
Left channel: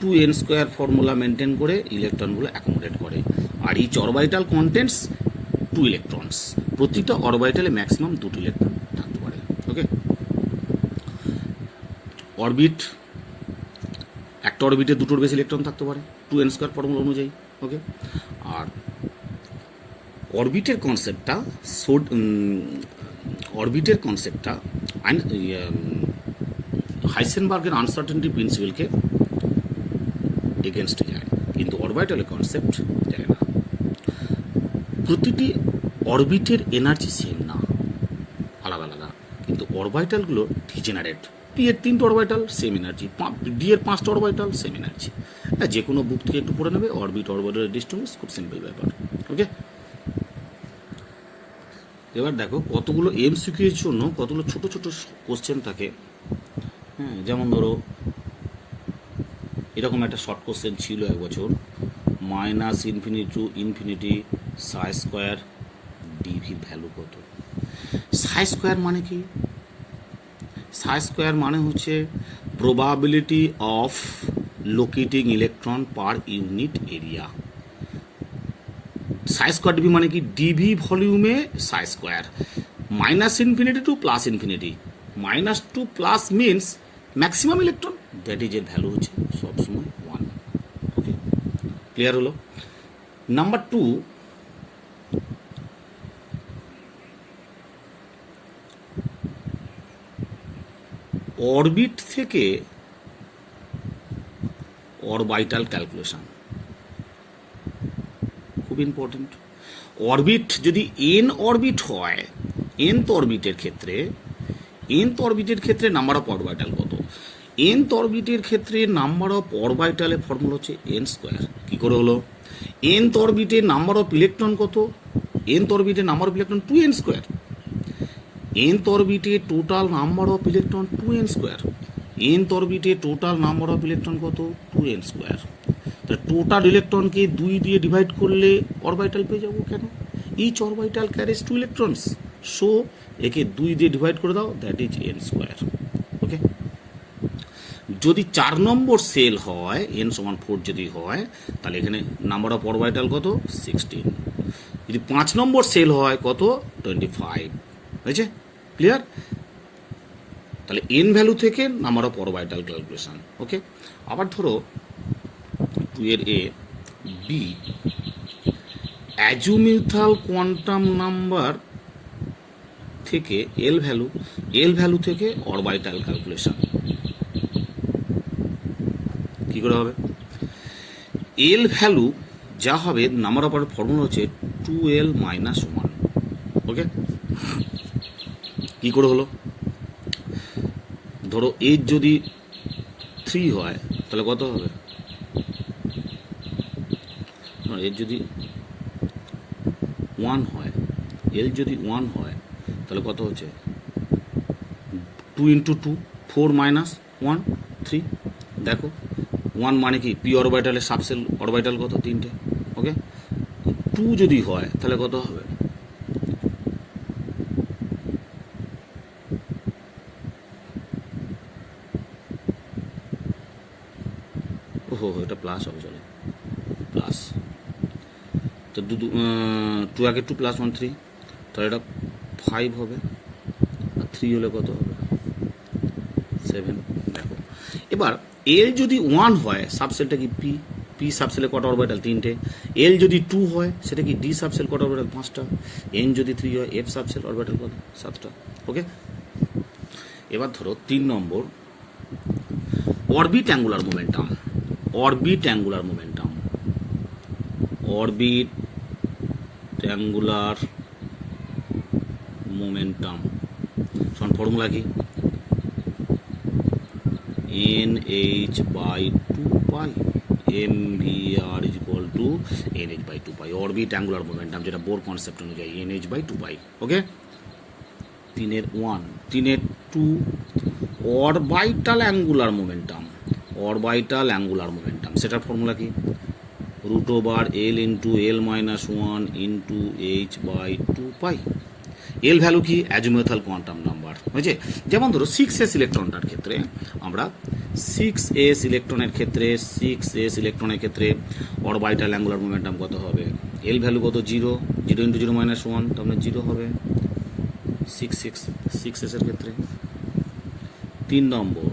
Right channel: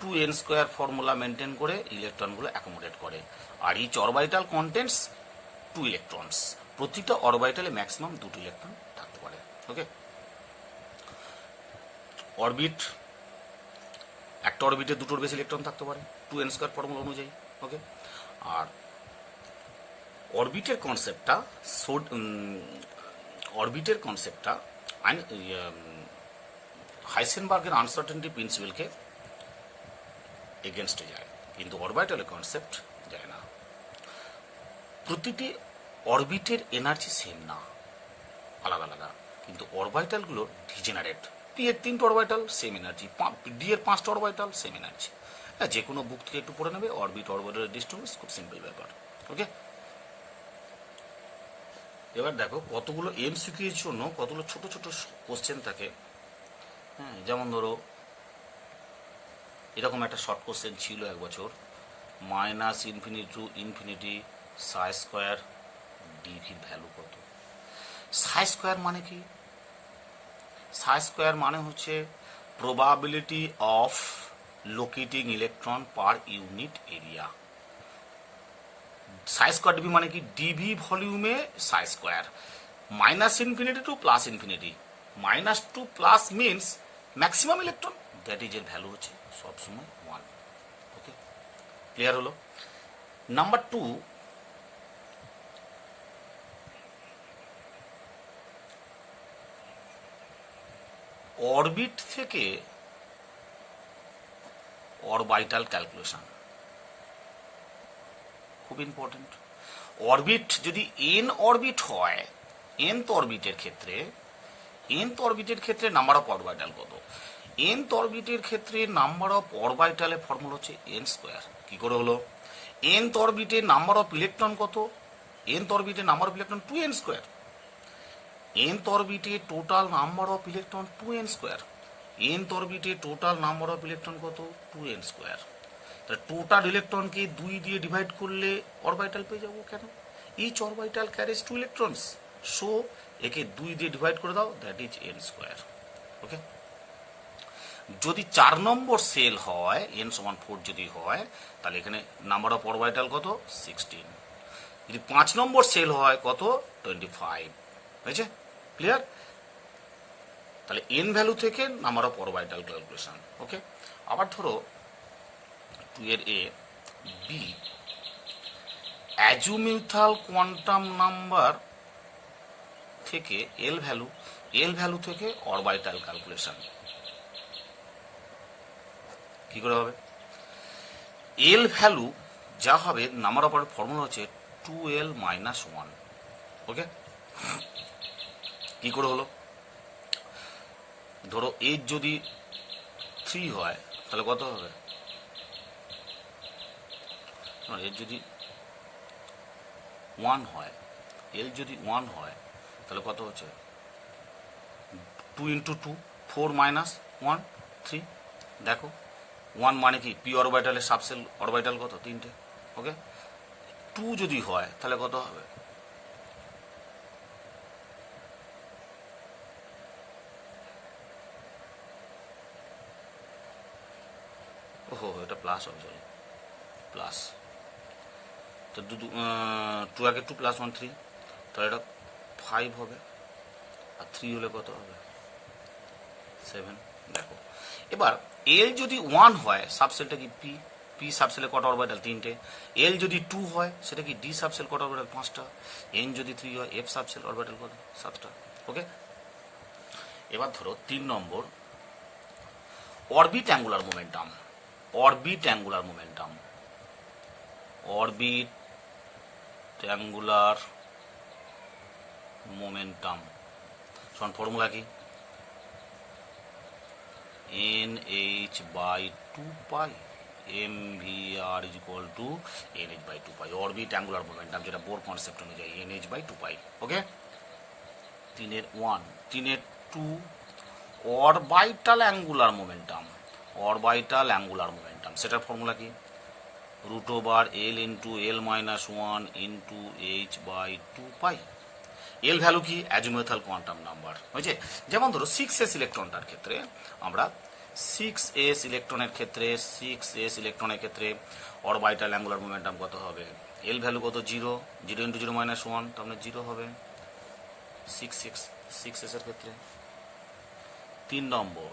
2n স্কোয়ার ফর্মুলা মেনটেন করে ইলেকট্রনগুলো অ্যাকোমোডেট করে। আর ইচ অরবিটাল কন্টেন্টস 2 ইলেকট্রনস। প্রতিটা অরবিটালে ম্যাক্সিমাম 2টি ইলেকট্রন থাকতে পারে। ওকে, অরবিট, একটা অরবিটে দুটোর বেশি ইলেকট্রন থাকতে পারে 2n স্কোয়ার ফর্মুলা অনুযায়ী। ওকে, আর অরবিটের কনসেপ্টটা হাইসেনবার্গের আনসার্টেনটি প্রিন্সিপালকে এগেনস্টে যায়, কিন্তু অরবিটালের কনসেপ্ট যায় না। প্রতিটি অরবিটের এনার্জি সেম না, আলাদা আলাদা, কিন্তু অরবিটালগুলো ডিজেনারেট। পি এর 3টে অরবিটাল সেম এনার্জি, ডি এর 5টা অরবিটাল সেম এনার্জি। হ্যাঁ, যে কোনো বুক থেকে একটু পড়ে নেবে, অরবিট অরবিটালের ডিস্টিংগুইশ, খুব সিম্পল ব্যাপার। ওকে, এবার দেখো কতগুলো এমসিকিউ এর জন্য কতগুলো ছোট ছোট কোশ্চেন থাকে। হ্যাঁ, যেমন ধরো এরকম একটা শর্ট কোশ্চেন ছিল এক বছর, -infinity to infinity Sai square ডিভির value কত? সাই স্কোয়ার মানে কি? সাই স্কোয়ার মানে হচ্ছে probability of locating electron per unit area. Sai square DV মানে কি? DV ভলিউমে Sai square. -Infinity two +infinity, -2 plus means maximum electron, that is এর ভ্যালু হচ্ছে সবসময় 1। ওকে, ক্লিয়ার হলো? নাম্বার 2, অরবিট থেকে অরবিটাল ক্যালকুলেশন খুব ইম্পর্টেন্ট। অরবিট যদি এন অরবিট হয়, nth অরবিটের ক্ষেত্রে নাম্বার অফ অরবিটাল কত? nth অরবিটের ক্ষেত্রে নাম্বার অফ অরবিটালের ফর্মুলা হচ্ছে n স্কোয়ার। কি করে হলো? nth অরবিটে নাম্বার অফ ইলেকট্রন কত? nth অরবিটে number of electron 2n square. nth অরবিটে total number of electron 2n square. nth অরবিটে টোটাল নাম্বার অফ ইলেকট্রন কত? 2n square. টোটাল ইলেকট্রনকে 2 দিয়ে ডিভাইড করলে অরবিটাল পেয়ে যাবো। কেন? Each orbital carries 2 electrons, so একে 2 দিয়ে ডিভাইড করে দাও, that is n square. Okay, যদি 4 নম্বর সেল হয়, n সমান 4 যদি হয়, তাহলে এখানে নাম্বার অফ অরবিটাল কত? 16। যদি 5 নম্বর সেল হয় কত? 25। হয়েছে? ক্লিয়ার? তাহলে n ভ্যালু থেকে নাম্বার অফ অরবিটাল ক্যালকুলেশন। ওকে, আবার ধরো 2 এর এ বি, অ্যাজুমিউথাল কোয়ান্টাম নাম্বার থেকে এল ভ্যালু থেকে অরবিটাল ক্যালকুলেশন কি করে হবে? এল ভ্যালু যা হবে, নাম্বার অফ ফর্মুলা হচ্ছে 2l - 1। ওকে, কি করে হলো? ধরো এর যদি 3 হয় তাহলে কত হবে? এর যদি 1 হয়, এল যদি 1 হয় তাহলে কত হচ্ছে? 2 × 2, 4 - 1, 3 দেখো 1 মানে কি পি অরবিটালের সাবসেল অরবিটাল কত 3টে ওকে 2 যদি হয় তাহলে কত হবে ওহো এটা প্লাস হবে চলো প্লাস তো 2 আগে 2 প্লাস 1 3 তাহলে এটা 5 হবে আর 3 হলে কত হবে 7 দেখো এবার এল যদি 1 হয় সাবসেলটা কি পি পি সাবসেলে কটা অরবিটাল 3টে এল যদি 2 হয় সেটা কি ডি সাবসেল কটা অরবিটাল 5টা এন যদি 3 হয় এফ সাবসেল অরবিটাল কত 7টা ওকে এবার ধরো 3 number orbit angular momentum orbit angular momentum orbit angular momentum সমান ফর্মুলা কি NH by 2 pi mvr is equal to NH by 2 pi orbit angular momentum যেটা বোর কনসেপ্ট অনুযায়ী NH by 2 pi ওকে 3 এর 1 3 এর 2 orbital angular momentum orbital angular momentum সেটার formula কি root over L into L minus 1 into H by 2 pi l value কি azimuthal quantum number হয়েছে যেমন ধরো 6s ইলেকট্রনটার ক্ষেত্রে আমরা 6s ইলেকট্রনের ক্ষেত্রে অরবিটাল অ্যাঙ্গুলার মোমেন্টাম কত হবে এল ভ্যালু কত 0 0 ইন্টু 0 মাইনাস 1 তার মানে 0 হবে 6s এর ক্ষেত্রে 3 নম্বর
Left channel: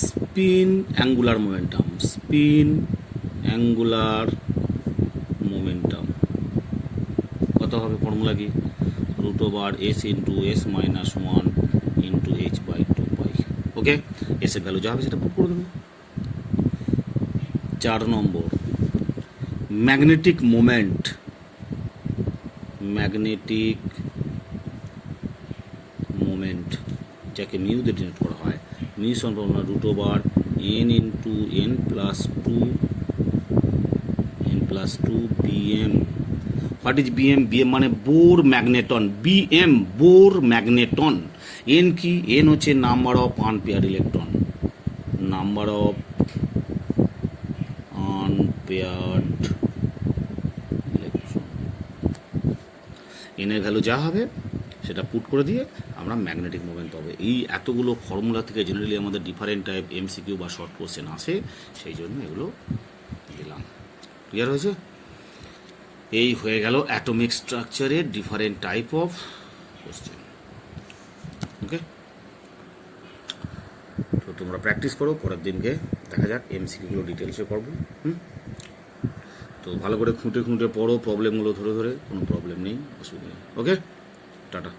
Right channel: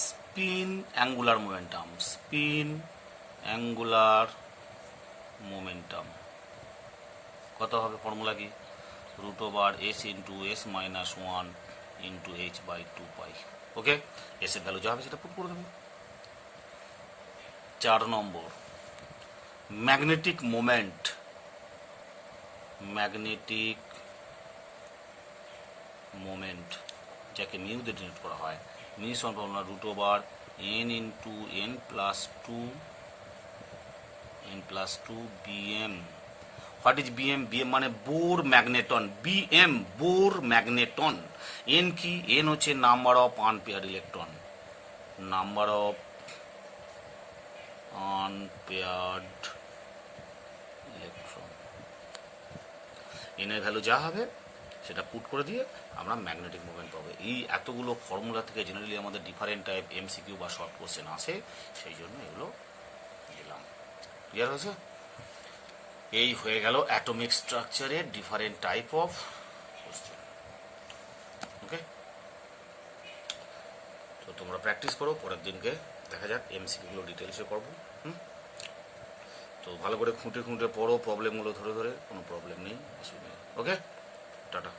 স্পিন অ্যাঙ্গুলার মোমেন্টাম কত হবে ফর্মুলা কি root over S into S minus 1 into H by 2 pi okay S এর ভ্যালু যা হবে সেটা পুট করে দেবে 4 নম্বর ম্যাগনেটিক মোমেন্ট যাকে মিউ দিয়ে ডিনোট করা হয় মিউ সমান root over N into N plus two BM what is BM BM মানে Bohr magneton BM Bohr magneton N কি এন হচ্ছে number of unpair electron N এর ভ্যালু যা হবে সেটা পুট করে দিয়ে আমরা ম্যাগনেটিক মুভমেন্ট পাবো এই এতগুলো ফর্মুলা থেকে জেনারেলি আমাদের ডিফারেন্ট টাইপ এমসিকিউ বা শর্ট কোশ্চেন আসে সেই জন্য এগুলো দিলাম ক্লিয়ার হয়েছে এই হয়ে গেল অ্যাটমিক স্ট্রাকচারের different type of question okay তো তোমরা প্র্যাকটিস করো পরের দিনকে দেখা যাক এমসিকিউগুলো ডিটেলসে করবো তো ভালো করে খুঁটে পড়ো প্রবলেমগুলো ধরে কোনো প্রবলেম নেই অসুবিধা নেই ওকে টাটা